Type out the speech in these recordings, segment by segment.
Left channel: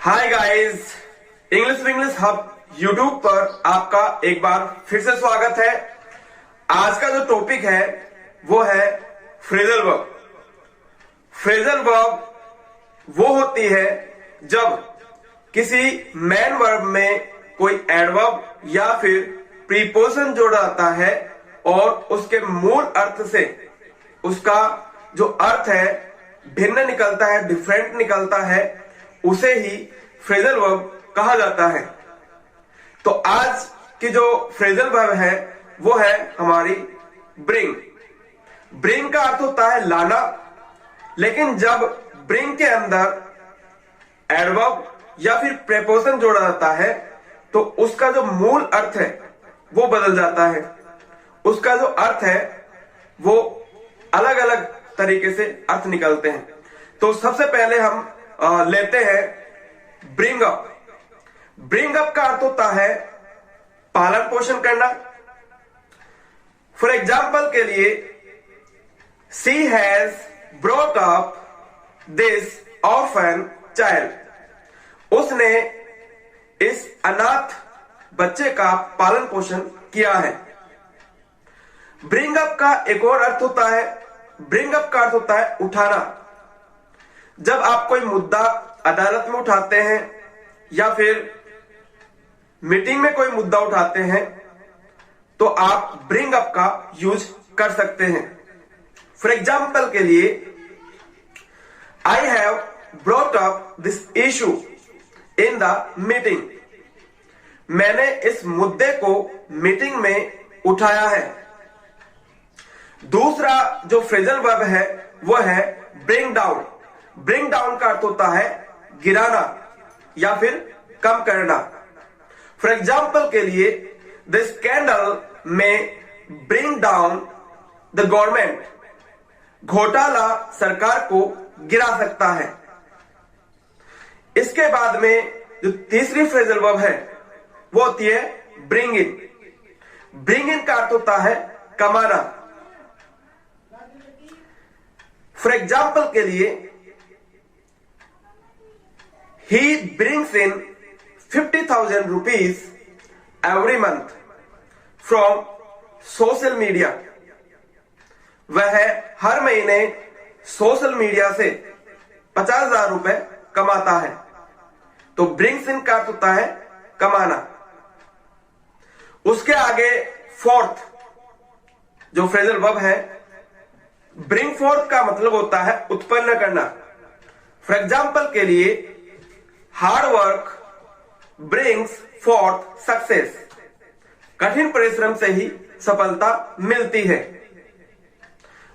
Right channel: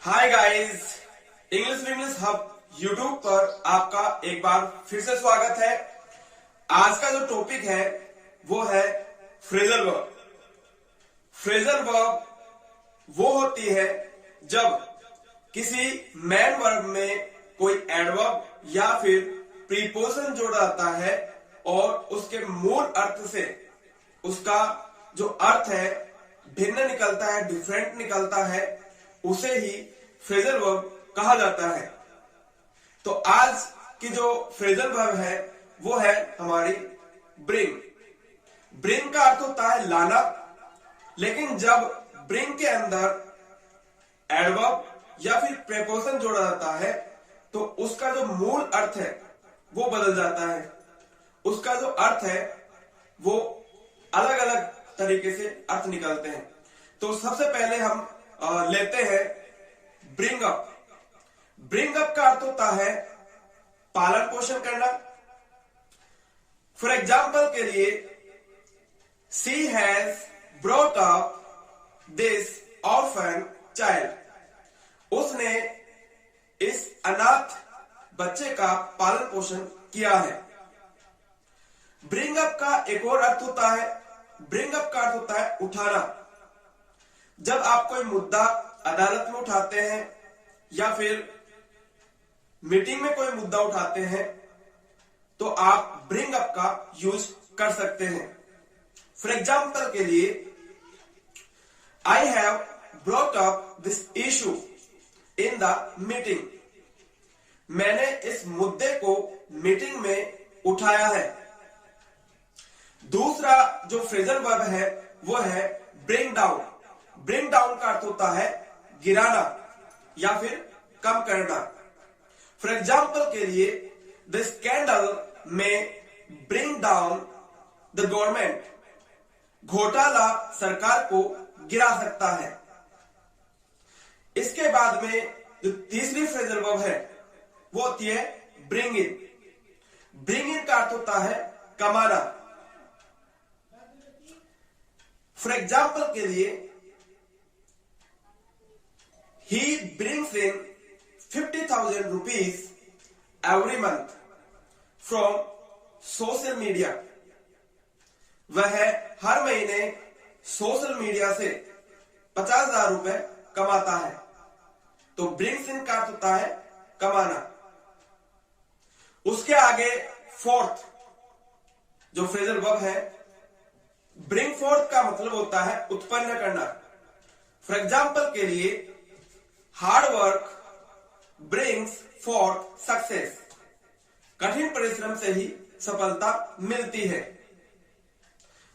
Hi guys, English hub YouTube पर आपका एक बार फिर से स्वागत है। आज का जो टॉपिक है वो है फ्रेजल वर्ब। फ्रेजल वर्ब वो होती है जब किसी मेन वर्ब में कोई एडवर्ब या फिर प्रीपोजिशन जोड़ा जाता है और उसके मूल अर्थ से उसका जो अर्थ है भिन्न निकलता है, डिफरेंट निकलता है, उसे ही फ्रेजल वर्ब कहा जाता है। तो आज की जो फ्रेजल वर्ब है वो है हमारी ब्रिंग। ब्रिंग का अर्थ होता है लाना, लेकिन जब ब्रिंग के अंदर एडवर्ब या फिर प्रीपोजिशन जोड़ा जाता है तो उसका जो मूल अर्थ है वो बदल जाता है। उसका जो अर्थ है वो अलग अलग तरीके से अर्थ निकलते हैं। तो सबसे पहले हम लेते हैं ब्रिंग अप। ब्रिंग अप का अर्थ होता है पालन पोषण करना। फॉर एग्जाम्पल के लिए, she has brought up this orphan child. उसने इस अनाथ बच्चे का पालन पोषण किया है। ब्रिंग अप का एक और अर्थ होता है, ब्रिंग अप का अर्थ होता है उठाना। जब आप कोई मुद्दा अदालत में उठाते हैं या फिर मीटिंग में कोई मुद्दा उठाते हैं तो आप ब्रिंग अप का यूज कर सकते हैं। फॉर एग्जाम्पल के लिए, I have brought up this issue in the meeting. मैंने इस मुद्दे को मीटिंग में उठाया है। दूसरा जो फ्रेजल वर्ब है वो है ब्रिंग डाउन। ब्रिंग डाउन का अर्थ होता है गिराना या फिर कम करना। फॉर एग्जाम्पल के लिए, द स्कैंडल में ब्रिंग डाउन द गवर्नमेंट। घोटाला सरकार को गिरा सकता है। इसके बाद में जो तीसरी फ्रेजल वर्ब है वो होती है ब्रिंग इन। ब्रिंग इन का अर्थ होता है कमाना। फॉर एग्जाम्पल के लिए, he brings in 50,000 rupees every month from social media। वह हर महीने सोशल मीडिया से 50,000 रुपए कमाता है। तो ब्रिंग्स इन का अर्थ होता है कमाना। उसके आगे फोर्थ जो फ्रेजल वर्ब है, ब्रिंग फोर्थ का मतलब होता है उत्पन्न करना। फॉर एग्जाम्पल के लिए, hard work brings fourth success. कठिन परिश्रम से ही सफलता मिलती है।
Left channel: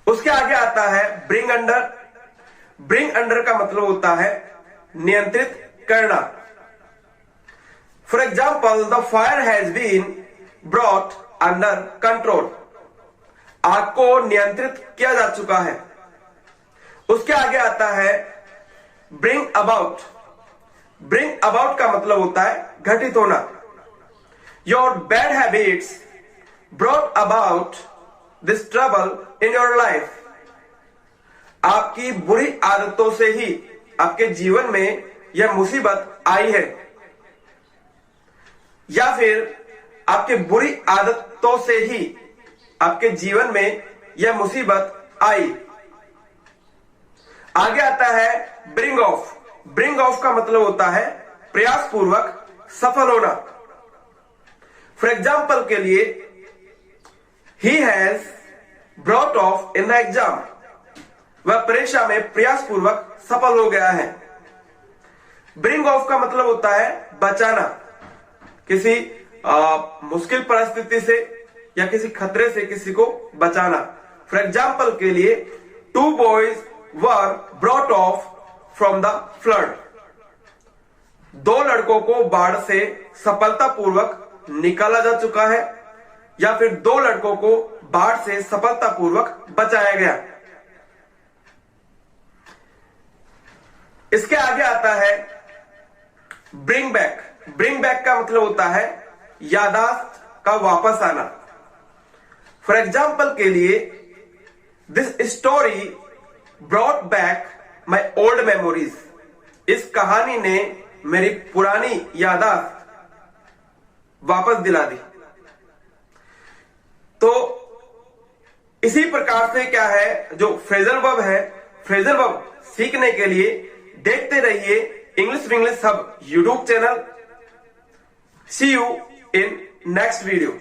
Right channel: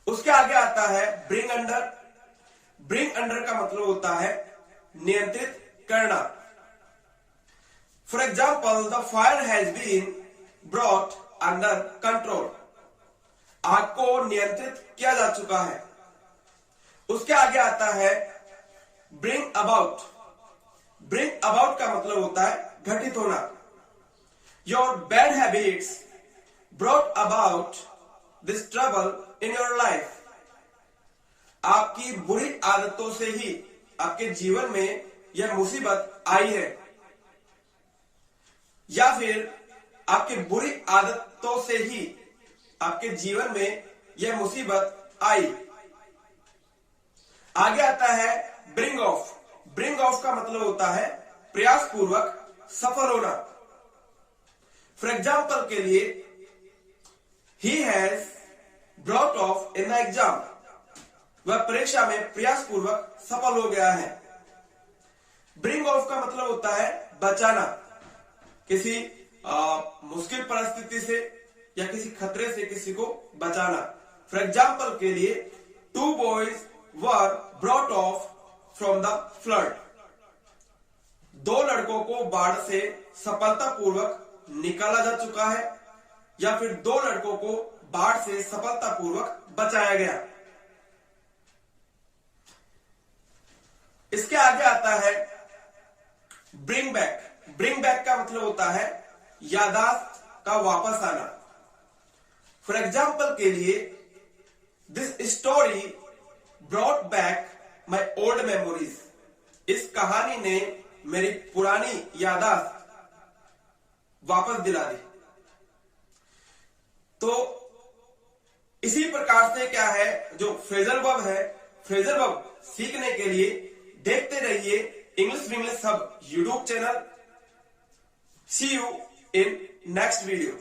उसके आगे आता है ब्रिंग अंडर। ब्रिंग अंडर का मतलब होता है नियंत्रित करना। For example, the fire has been brought under control. आग को नियंत्रित किया जा चुका है। उसके आगे आता है ब्रिंग अबाउट। ब्रिंग अबाउट का मतलब होता है घटित होना। Your bad habits brought about this trouble in your life. आपकी बुरी आदतों से ही आपके जीवन में यह मुसीबत आई है, या फिर आपके बुरी आदतों से ही आपके जीवन में यह मुसीबत आई। आगे आता है ब्रिंग ऑफ। ब्रिंग ऑफ का मतलब होता है प्रयास पूर्वक सफल होना। फॉर एग्जाम्पल के लिए, he has brought of in the exam. वह परीक्षा में प्रयास पूर्वक सफल हो गया है। ब्रिंग ऑफ का मतलब होता है बचाना। किसी मुश्किल परिस्थिति से या किसी खतरे से किसी को बचाना। फॉर एग्जाम्पल के लिए, two boys were brought off from the flood. दो लड़कों को बाढ़ से सफलतापूर्वक निकाला जा चुका है, या फिर दो लड़कों को बाढ़ से सफलतापूर्वक बचाया गया। इसके आगे आता है ब्रिंग बैक। ब्रिंग बैक का मतलब होता है यादाश्त का वापस आना। फॉर एग्जाम्पल के लिए, this story brought back my old memories. इस कहानी ने मेरी पुरानी यादाश्त वापस दिला दी। तो इसी प्रकार से क्या है, जो फ्रेजल वर्ब है, फ्रेजल वर्ब सीखने के लिए देखते रहिए English Vinglish hub YouTube channel. See you in next video.